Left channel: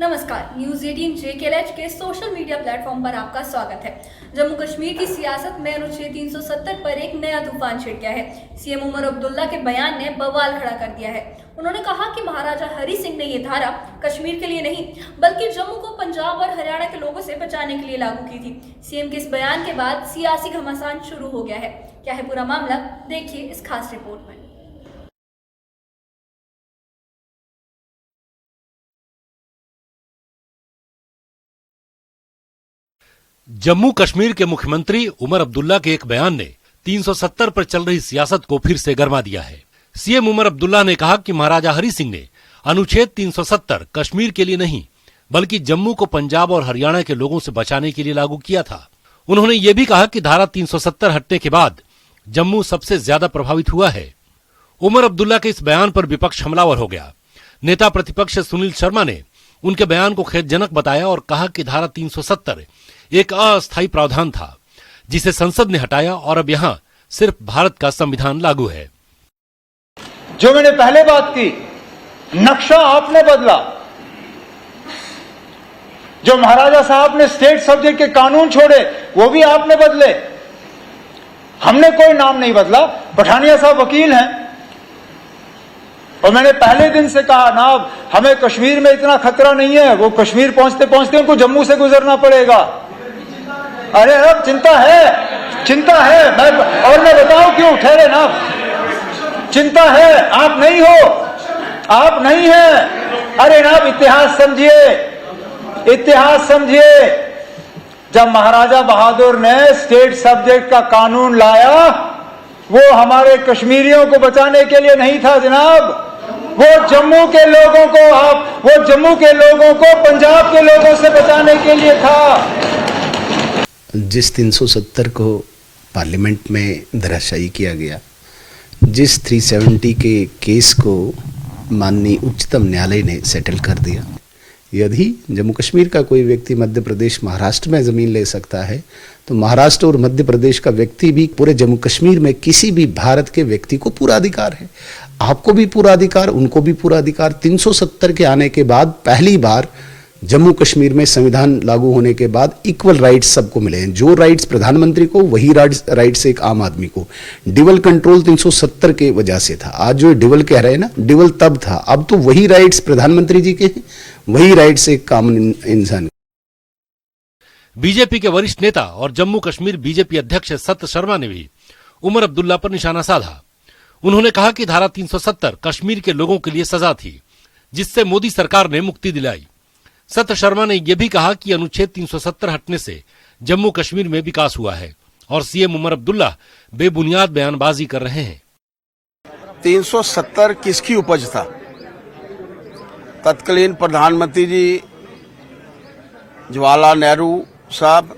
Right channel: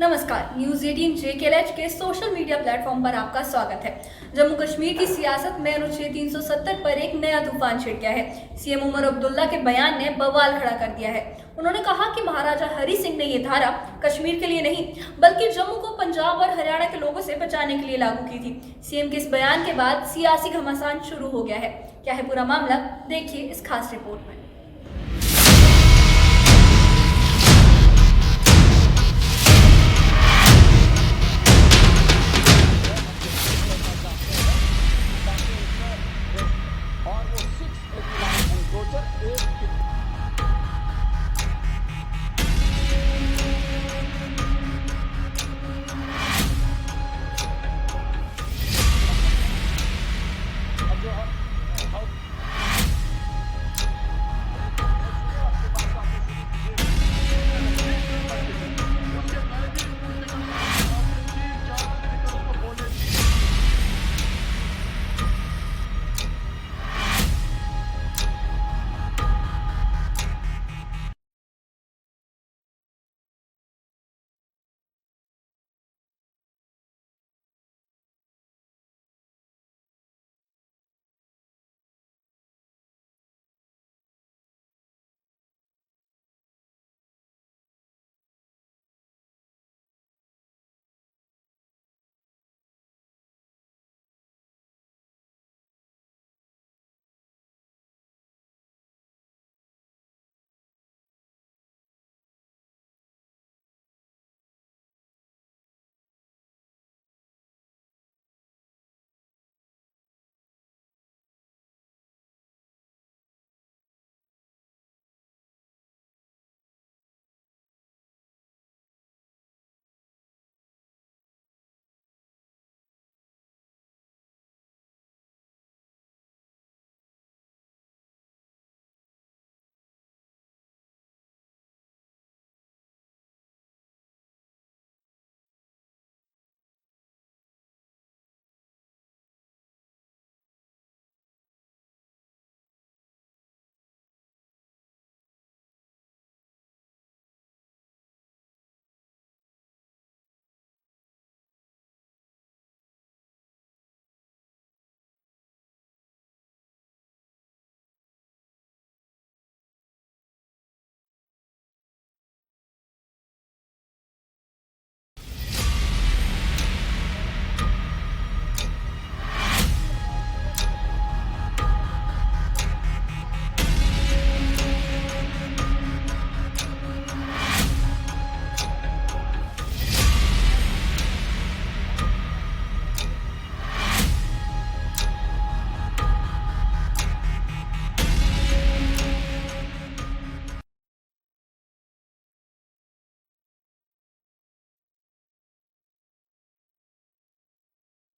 नमस्कार, news 18 JKLH के social media platform पर आपका स्वागत है। जम्मू कश्मीर की सियासत में अनुच्छेद 370 पर एक नया तूफान छिड़ गया है। सीएम उमर अब्दुल्ला के बयान ने बवाल खड़ा कर दिया है। उन्होंने कहा कि महाराजा हरि सिंह ने ये धारा कश्मीर के लिए नहीं बल्कि जम्मू को पंजाब और हरियाणा के लोगों से बचाने के लिए लागू की थी। सीएम के इस बयान के बाद सियासी घमासान शुरू हो गया है। क्या है पूरा मामला, देखिए इस खास रिपोर्ट में। जम्मू कश्मीर के मुख्यमंत्री उमर अब्दुल्ला के एक बयान ने 370 पर चल रही सियासत को फिर से गरमा दिया है। सीएम उमर अब्दुल्ला ने कहा कि महाराजा हरि सिंह ने अनुच्छेद 370 कश्मीर के लिए नहीं बल्कि जम्मू को पंजाब और हरियाणा के लोगों से बचाने के लिए लागू किया था। उन्होंने ये भी कहा कि धारा 370 हटने के बाद जम्मू सबसे ज्यादा प्रभावित हुआ है। उमर अब्दुल्ला के इस बयान पर विपक्ष हमलावर हो गया। नेता प्रतिपक्ष सुनील शर्मा ने उनके बयान को खेदजनक बताया और कहा कि धारा 370 एक अस्थायी प्रावधान था जिसे संसद ने हटाया और अब यहाँ सिर्फ भारत का संविधान लागू है। जो मैंने पहले बात की, नक्शा आपने बदला। जो महाराजा साहब ने स्टेट सब्जेक्ट के कानून छोड़े वो भी आपने बदले। हमने कोई नाम नहीं बदला। पठानिया साहब वकील हैं और मैंने पहले दिन से कहा ना, हमें कश्मीर में इतना खतरा नहीं है। वो कश्मीर पहुंचते पहुंचते उनको जम्मू से गुजरना पड़ेगा। अरे अब चिंता है। मैं बताऊं क्यों, ठहरे ना। चिंता है, आप नहीं हैं। अरे ना, इतिहास समझिए। जब महाराजा बहादुर ने स्टेट सब्जेक्ट का कानून लाया वो हमारे कश्मीरियों को बचाने के लिए नहीं था जनाब। वो जम्मू के लोगों को पंजाब के लोगों से बचाने के लिए था। जिस 370 को पार्लियामेंट में धराशायी किया गया, जिस 370 के केस को माननीय उच्चतम न्यायालय ने सेटल कर दिया, यदि जम्मू कश्मीर का कोई व्यक्ति मध्य प्रदेश महाराष्ट्र में ज़मीन ले सकता है तो महाराष्ट्र और मध्य प्रदेश का व्यक्ति भी पूरे जम्मू कश्मीर में किसी भी भारत के व्यक्ति को पूरा अधिकार है। आपको भी पूरा अधिकार, उनको भी पूरा अधिकार। 370 के आने के बाद पहली बार जम्मू कश्मीर में संविधान लागू होने के बाद इक्वल राइट्स सबको मिले हैं। जो राइट्स प्रधानमंत्री को वही राइट्स एक आम आदमी को। डिवल कंट्रोल 370 के वजह से था। आज जो डिवल कह रहे हैं ना, डिवल तब था, अब तो वही राइट्स प्रधानमंत्री जी के हैं, वही राइट्स एक कॉमन इंसान। बीजेपी के वरिष्ठ नेता और जम्मू कश्मीर बीजेपी अध्यक्ष सत्य शर्मा ने भी उमर अब्दुल्ला पर निशाना साधा। उन्होंने कहा कि धारा 370 कश्मीर के लोगों के लिए सजा थी जिससे मोदी सरकार ने मुक्ति दिलाई। सत्य शर्मा ने यह भी कहा कि अनुच्छेद 370 हटने से जम्मू कश्मीर में विकास हुआ है और सीएम उमर अब्दुल्ला बेबुनियाद बयानबाजी कर रहे हैं। 370 किसकी उपज था? तत्कालीन प्रधानमंत्री जी जवाहरलाल नेहरू साहब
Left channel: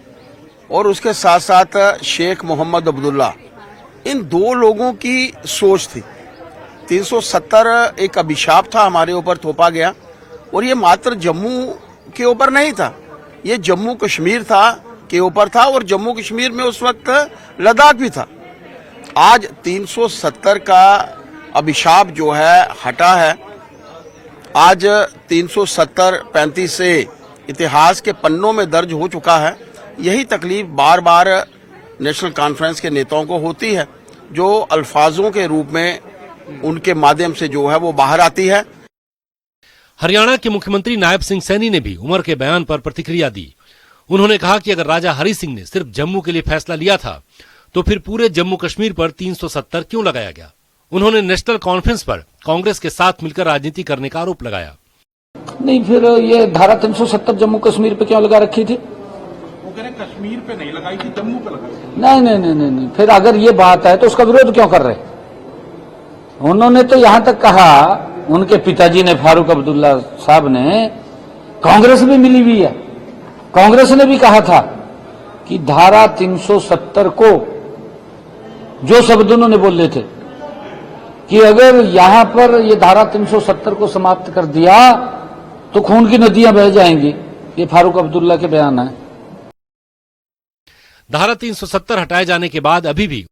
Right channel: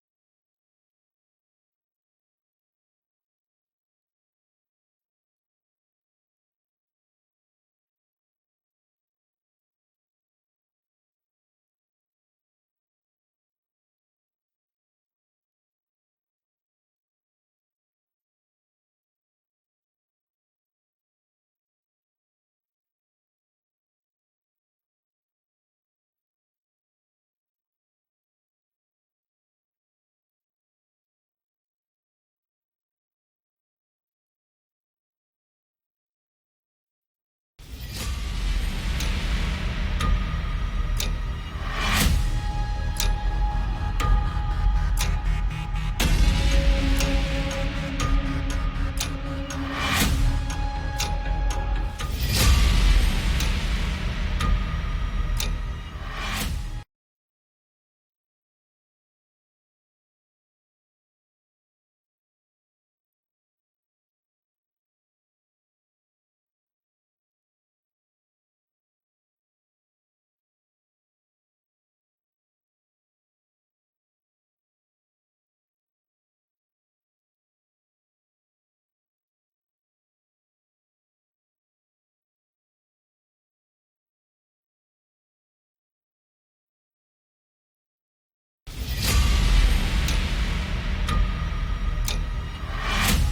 और उसके साथ साथ शेख मोहम्मद अब्दुल्ला, इन दो लोगों की सोच थी। 370 एक अभिशाप था हमारे ऊपर थोपा गया और ये मात्र जम्मू के ऊपर नहीं था, ये जम्मू कश्मीर के ऊपर था और जम्मू कश्मीर में उस वक्त लद्दाख भी था। आज 370 का अभिशाप जो है हटा है। आज 370-35 से इतिहास के पन्नों में दर्ज हो चुका है। यही तकलीफ बार बार नेशनल कॉन्फ्रेंस के नेताओं को होती है, जो अल्फाजों के रूप में उनके माध्यम से जो है वो बाहर आती है। हरियाणा के मुख्यमंत्री नायब सिंह सैनी ने भी उमर के बयान पर प्रतिक्रिया दी। उन्होंने कहा कि अगर राजा हरि सिंह ने सिर्फ जम्मू के लिए फैसला लिया था तो फिर पूरे जम्मू कश्मीर पर 370 क्यों लगाया गया। उन्होंने नेशनल कॉन्फ्रेंस पर कांग्रेस के साथ मिलकर राजनीति करने का आरोप लगाया। नहीं, फिर ये धारा 370 जम्मू कश्मीर पे क्यों लगा रखी थी? वो कह रहे कश्मीर पे नहीं लगाई थी, जम्मू पे लगाई। नहीं। फिर अगर ये बात है तो उसका विरोध क्यों कर रहे? उन्होंने तो यहां तक कहा, उनके पिताजी ने, फारूक अब्दुल्ला साहब ने, कांग्रेस भी मिली हुई है, कांग्रेस ने भी कहा था कि धारा 370 को, जो शब्द उन्होंने बोले थे कि अगर यहां पर ये धारा 370 को समाप्त कर दिया तो खून की नदियां बह जाएंगी। ये फारूक अब्दुल्ला के बयान है। धारा 370 हटाए जाने के बाद अभी भी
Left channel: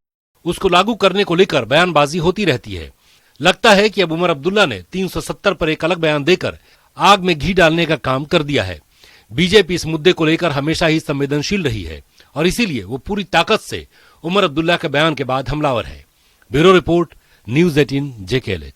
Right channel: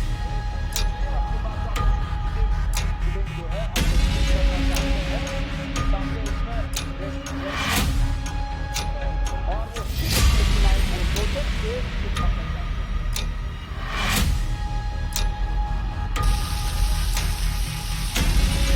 उसको लागू करने को लेकर बयानबाजी होती रहती है। लगता है कि अब उमर अब्दुल्ला ने 370 पर एक अलग बयान देकर आग में घी डालने का काम कर दिया है। बीजेपी इस मुद्दे को लेकर हमेशा ही संवेदनशील रही है और इसीलिए वो पूरी ताकत से उमर अब्दुल्ला के बयान के बाद हमलावर है। Bureau report, news 18 JK।